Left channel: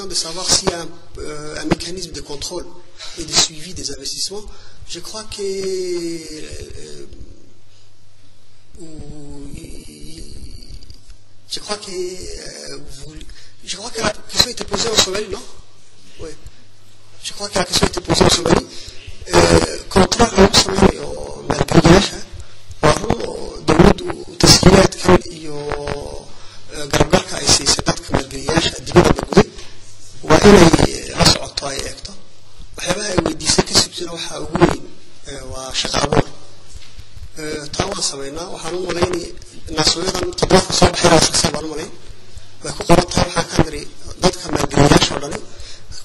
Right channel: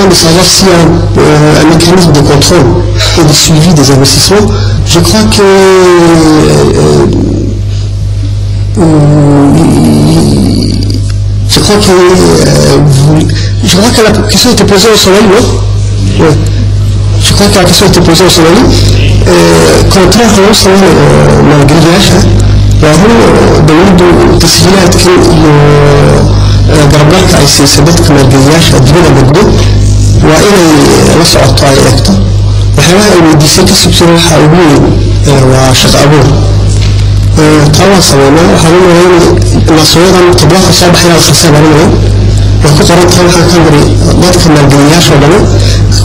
de savoir s'il y a un mécanisme de contrôle et de suivi des investissements. Je crois que la question était posée au Somali, non? Oui. Je crois que la question était posée au Somali. Contrairement au الجريجاش وهو دولته تسجيلات كل قربك أي سبتك من الجريجاش الدبلة بدو وإلى لصق طائرته وحنا يديسك السبسيل حاولين وشق أبوه تواصلنا وحاولنا نصويرا طباخ صباح إلى الخسارة علينا وكنت قرأتها وحكمري ضدك من الجريجاش ولا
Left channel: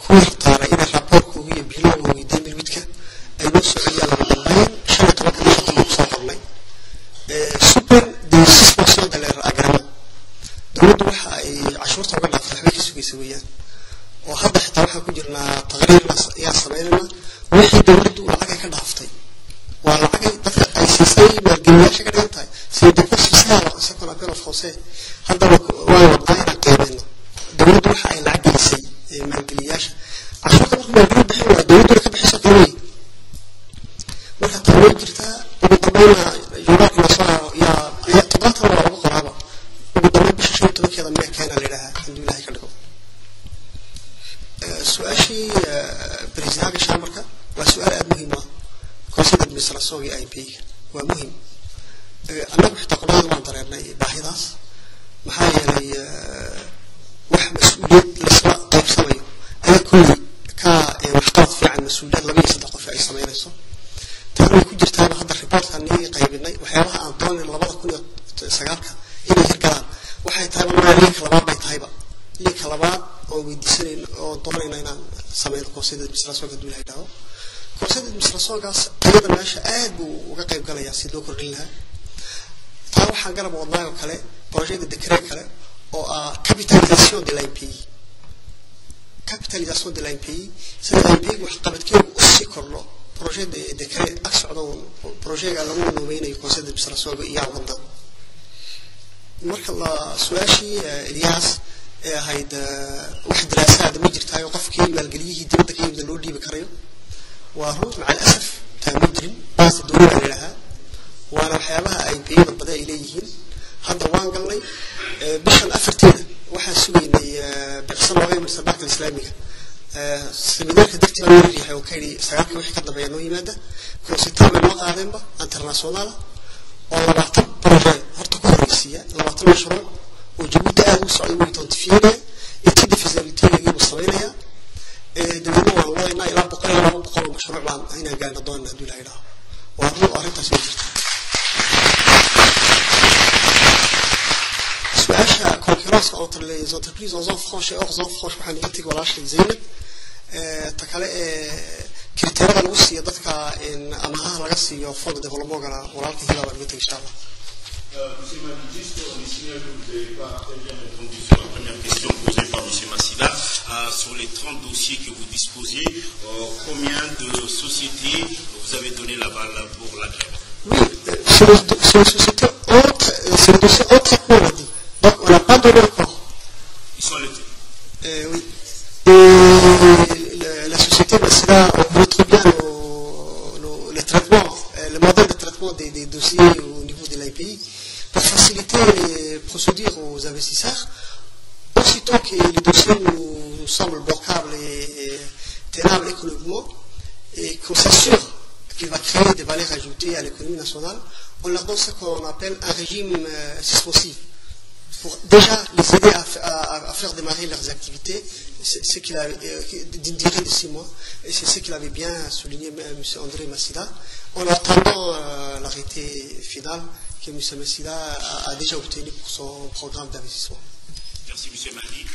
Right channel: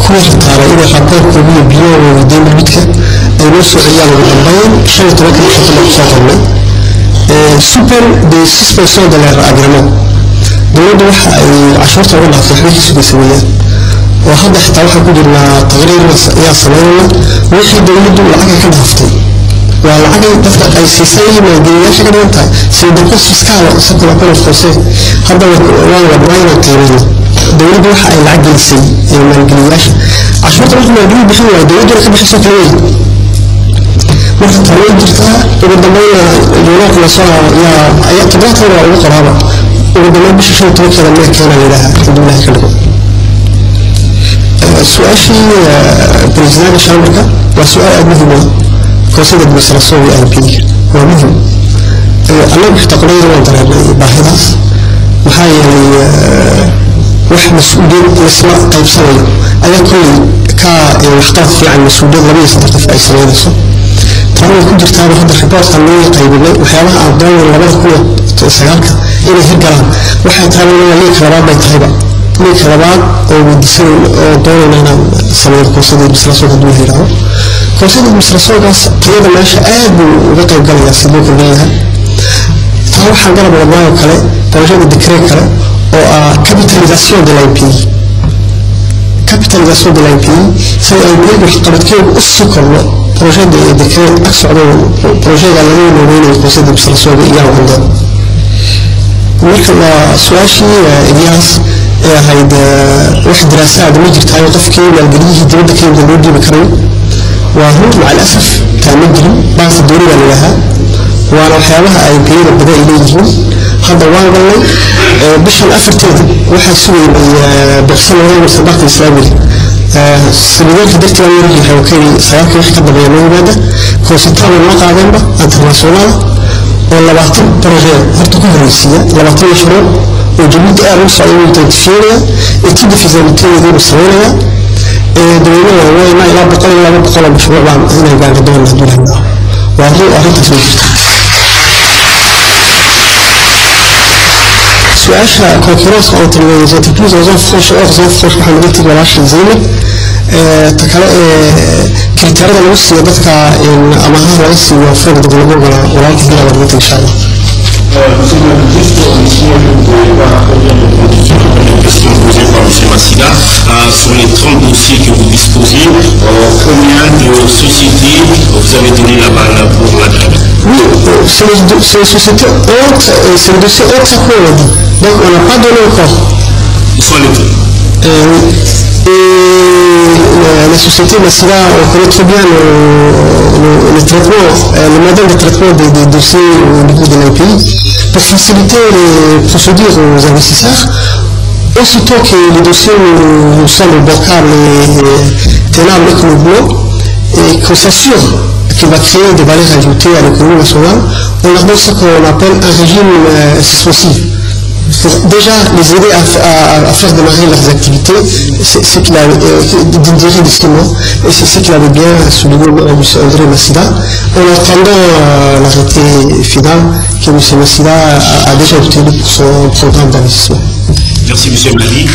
كل طارئ إلى حقوق كبير بيو ودين البيتك النص عيال بالضبين شيء توكل شطب صوتنا سوبر دي 6% de leur agrément دول عشرة ولا في حوالي سوية وهذا حتى واحد يقول لنا تغيير يا صناعنا وحي دولته العقل كده هفتي والعقل دفتر أي سيسي ما جرياش كده أنت سيدكوس فيسكال سكر أكون الخوسي هذا ولا براين كيرين دولته حق العقل سي ما جرياش عشرة ولا ما جري بحوله دولته كده بحسك ليه marka taway jirta ugu dambayna dowladda la soo ya tabaata waa ugu qoraba ugu dambeyn bisha 15 ma keena leedahay alxamdulillah ka dhigo su'aashi president shamarka waa su'aal aad muhiim ah koosida administration iyo IP waa muhiim annagu xitaqoonayda waan dareemay baahidaas maxaa yeelay wax mas'uuliyad isla qaybsanayo ayaa kulli ka waxqabad fiican mas'uuliyad 2 qof ay sameeyaan طبعاً كنت جرتها بهذا الريبورت خلوني قيبنا وحياها أبدان لبعض كل سجالك إلى هالجلام وحيد هذا ليه كلامات بيتهيبا ليه كلامات ودسين دون أنا سمير كوسيد المسرسوق دون هيراه كوسيد المسرسوق قيادة ماشى آب وقطع قليل سيدوك بيها تعرف حاجة بالله وكله ترجع الذكرى كله أو capitalisation de l'IP capitalisation de l'IP c'est l'IP بحقبت كيف السكر projet de décret action projet de l'année le conseil d'administration de IA وعندنا مركب سواشي إلياس هيدا واحد دراسة عدم يجري تاي وقف كي والجريه تبدأ كي من الودي بكرم وهو مع الأسف كمجري بعض الدوري اللي لها وأنا حيالها أي بي بدأ إليه هذا وان قال لي بش الأفرتين واحد سوي بحصل وين مسابقة الإسلامية سبيلك درت وانا يجي حوكي سياق يحكي بيانه هذا كونسيتام الموقع جنبه انترناسيونال ولا بعطي بروجي هرتكون روسية ولا بعطي مشروع وجبت أربع سعودية تدفينيا اتيد في زمتين دي مصرية دولنا هو ما إلا بقول مشروع بعد هنا قاعد دولنا دول هنا وهو أهل تسويق سؤال concurrence entre les entreprises en zone franche et hors zone franche محمد تقول عشان زينب تكلا كريتيرا الوصي يدك إن أمانها الوصي وفرق دبلوم ولا كذا ولا إن شاء الله. Une question posée par M. Massida sur les 30 dossiers que vous disposez. Combien de sociétés vous avez donné la balle pour la grève? Oui, c'est les sociétés entre, c'est le dossier entre à quoi on a dit. Donc on n'a pas donné encore. Où sont les deux? Et la société Massida, on connaît très bien le traitement, le modèle de traitement des dossiers au niveau de l'IPI pour faciliter les procédures aux investisseurs. Aussitôt que les dossiers nous semblent bancables et tenables économiquement et qu'on s'assure qu'il va créer des valeurs ajoutées à l'économie nationale, on leur donne ce qu'on appelle un régime suspensif. Pour déjà les aider à faire démarrer leurs activités, c'est qu'il a d'intérêt d'estimement, et c'est ce qu'il avait bien souligné M. André Massida, en attendant l'arrêté final que M. Massida a déjà obtenu pour son programme d'investissement. Merci M. Mali.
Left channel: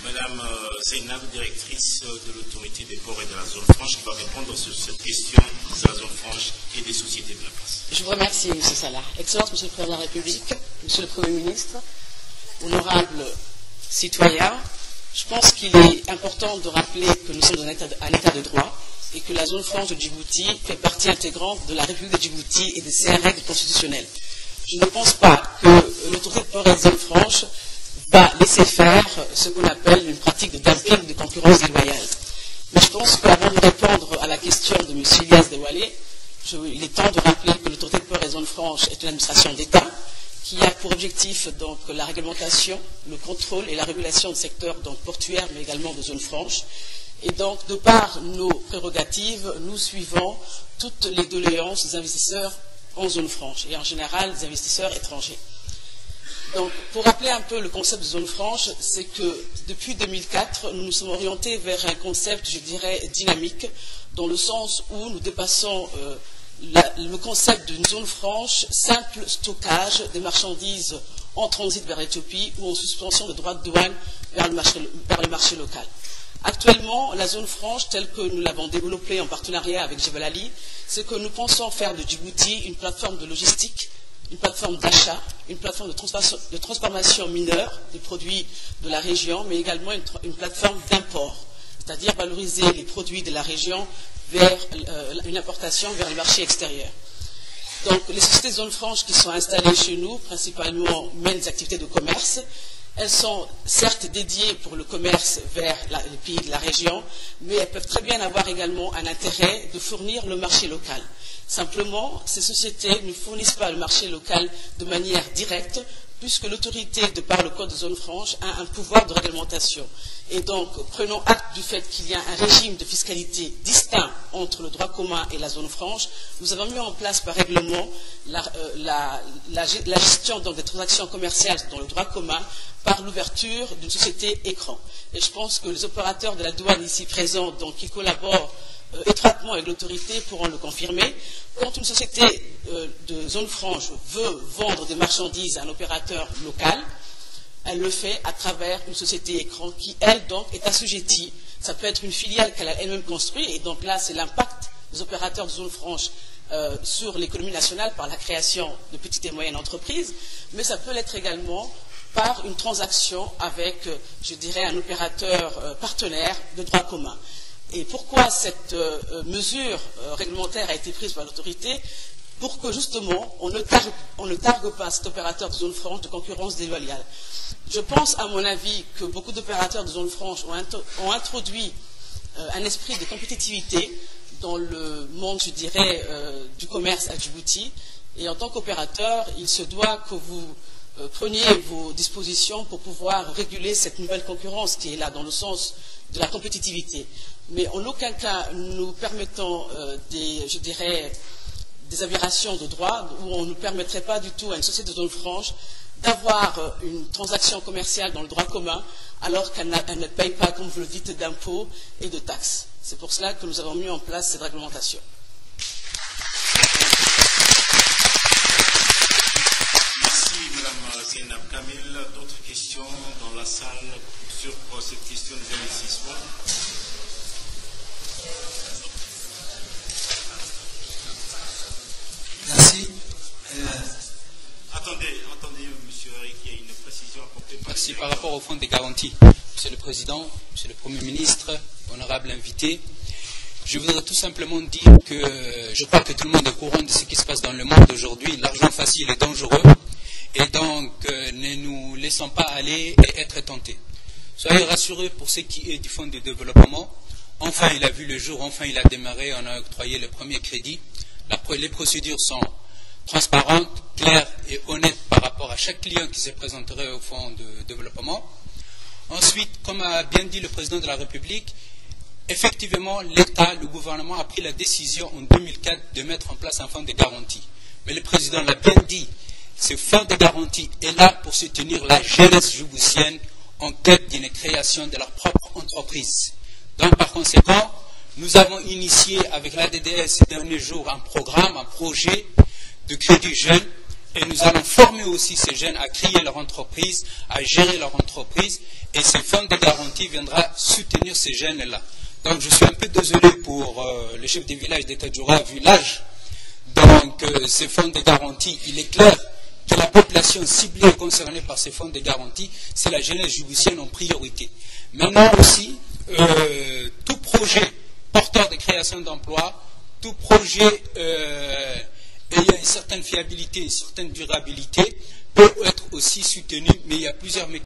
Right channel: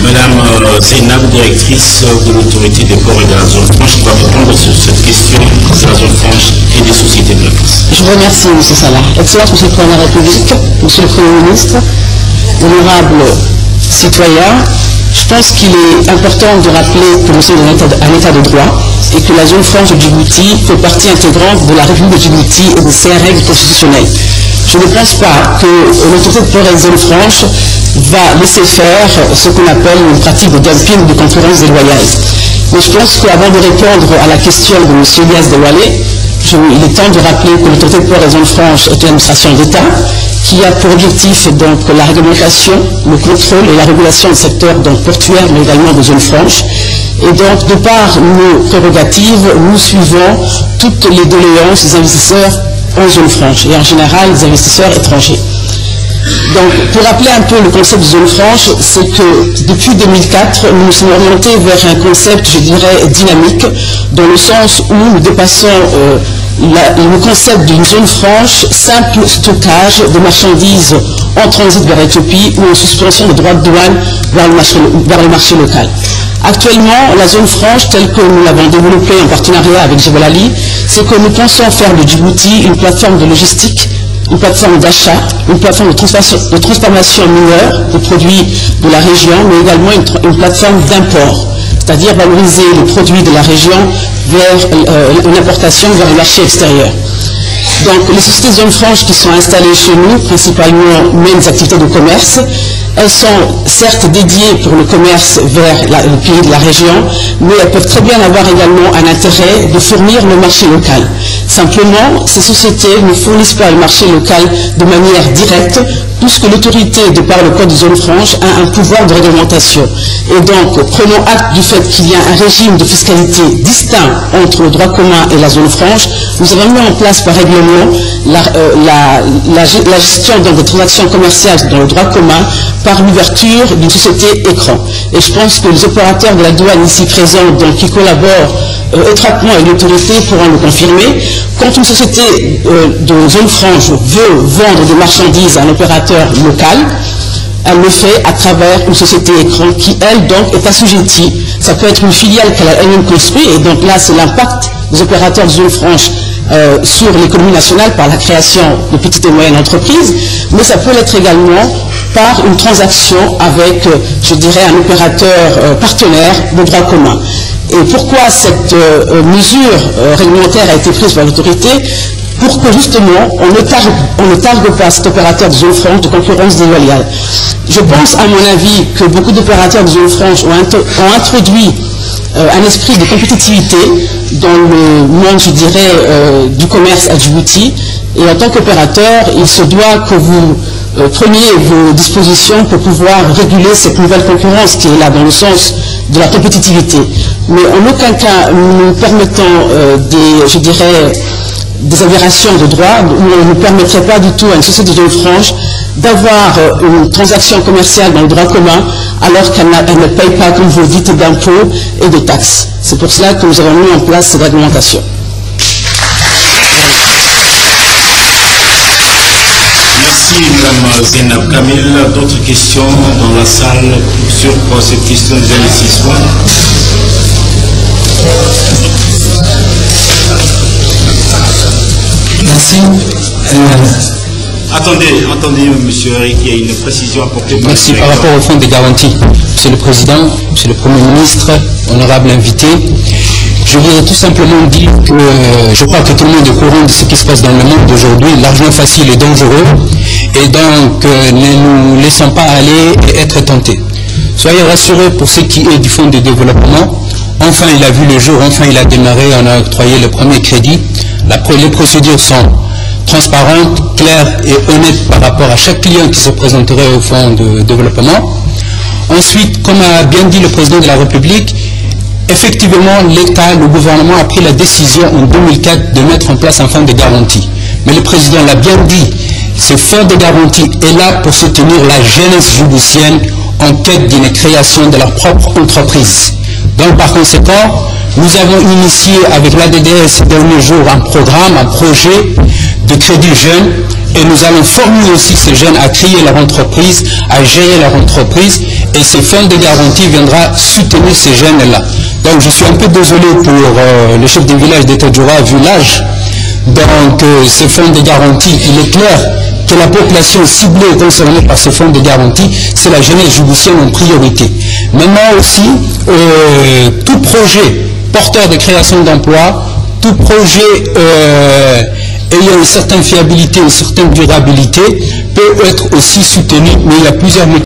Madame Zainab, directrice de l'autorité des ports et de la zone franche, qui va répondre sur cette question de la zone franche et des sociétés de la place. Je vous remercie, M. Salah. Excellence, M. le Président de la République, M. le Premier ministre, honorables citoyens, je pense qu'il est important de rappeler que nous sommes un état de droit et que la zone franche de Djibouti fait partie intégrante de la République de Djibouti et de ses règles constitutionnelles. je ne pense pas que l'autorité de port et zone franche va laisser faire ce qu'on appelle une pratique de dumping, de concurrence déloyale. Mais je pense qu'avant de répondre à la question de M. Elias Deloillet, il est temps de rappeler que l'autorité de port et zone franche est une administration d'État qui a pour objectif donc la réglementation, le contrôle et la régulation du secteur donc portuaire, mais également de zone franche. Et donc, de par nos prérogatives, nous suivons toutes les doléances des investisseurs en zone franche, et en général les investisseurs étrangers. Donc, pour rappeler un peu le concept de zone franche, c'est que depuis 2004, nous nous sommes orientés vers un concept, je dirais, dynamique, dans le sens où nous dépassons le concept d'une zone franche, simple stockage de marchandises en transit vers l'Éthiopie ou en suspension de droits de douane vers le marché local. Actuellement, la zone franche, telle que nous l'avons développée en partenariat avec Jebel Ali, c'est que nous pensons faire de Djibouti une plateforme de logistique, une plateforme d'achat, une plateforme de transformation mineure des produits de la région, mais également une plateforme d'import, c'est-à-dire valoriser les produits de la région vers une importation vers le marché extérieur. Donc les sociétés de zone franche qui sont installées chez nous, principalement mènent des activités de commerce. Elles sont certes dédiées pour le commerce vers le pays de la région, mais elles peuvent très bien avoir également un intérêt de fournir le marché local. Simplement, ces sociétés ne fournissent pas le marché local de manière directe, puisque l'autorité, de par le code de zone franche, a un pouvoir de réglementation. Et donc, prenons acte du fait qu'il y a un régime de fiscalité distinct entre le droit commun et la zone franche. Nous avons mis en place par règlement la gestion des transactions commerciales dans le droit commun par l'ouverture d'une société écran. Et je pense que les opérateurs de la douane ici présents, donc, qui collaborent étroitement avec l'autorité, pourront le confirmer. Quand une société de zone franche veut vendre des marchandises à un opérateur local, elle le fait à travers une société écran qui, elle, donc, est assujettie. Ça peut être une filiale qu'elle a elle-même construite, et donc là, c'est l'impact des opérateurs de zone franche sur l'économie nationale par la création de petites et moyennes entreprises, mais ça peut l'être également par une transaction avec, je dirais, un opérateur partenaire de droit commun. Et pourquoi cette mesure réglementaire a été prise par l'autorité? Pour que justement on ne targue pas cet opérateur de zone franche de concurrence déloyale. Je pense, à mon avis, que beaucoup d'opérateurs de zone franche ont introduit un esprit de compétitivité dans le monde, je dirais, du commerce à Djibouti. Et en tant qu'opérateur, il se doit que vous preniez vos dispositions pour pouvoir réguler cette nouvelle concurrence qui est là dans le sens de la compétitivité. Mais en aucun cas nous permettons je dirais, des aberrations de droit où on ne permettrait pas du tout à une société de zone franche d'avoir une transaction commerciale dans le droit commun alors qu'elle ne paye pas, comme vous le dites, d'impôts et de taxes. C'est pour cela que nous avons mis en place cette réglementation. Merci Mme Zainab Kamil. D'autres questions dans la salle sur cette question des investissements? Merci. Attendez, monsieur Eric, il y a une précision apportée. Merci. Par rapport au fonds de garantie, Monsieur le Président, Monsieur le Premier ministre, honorable invité, je voudrais tout simplement dire que je crois que tout le monde est au courant de ce qui se passe dans le monde aujourd'hui. L'argent facile est dangereux et donc ne nous laissons pas aller et être tentés. Soyez rassurés pour ce qui est du fonds de développement. Enfin, il a vu le jour, enfin, il a démarré, on a octroyé le premier crédit. Les procédures sont transparentes, claires et honnêtes par rapport à chaque client qui se présenterait au fonds de développement. Ensuite, comme a bien dit le président de la République, effectivement, l'État, le gouvernement a pris la décision en 2004 de mettre en place un fonds de garantie. Mais le président l'a bien dit, ce fonds de garantie est là pour soutenir la jeunesse djiboutienne en quête d'une création de leur propre entreprise. Donc, par conséquent, nous avons initié avec l'ADDS ces derniers jours un programme, un projet de crédit jeune et nous allons former aussi ces jeunes à créer leur entreprise, à gérer leur entreprise et ce fonds de garantie viendra soutenir ces jeunes-là. Donc je suis un peu désolé pour le chef du village d'Etadjoura vu l'âge. Donc ce fonds de garantie, il est clair que la population ciblée concernée par ce fonds de garantie, c'est la jeunesse djiboutienne en priorité. Maintenant aussi, tout projet porteur de création d'emplois, tout projet ayant une certaine fiabilité, une certaine durabilité, peut être aussi soutenu, mais il y a plusieurs mécanismes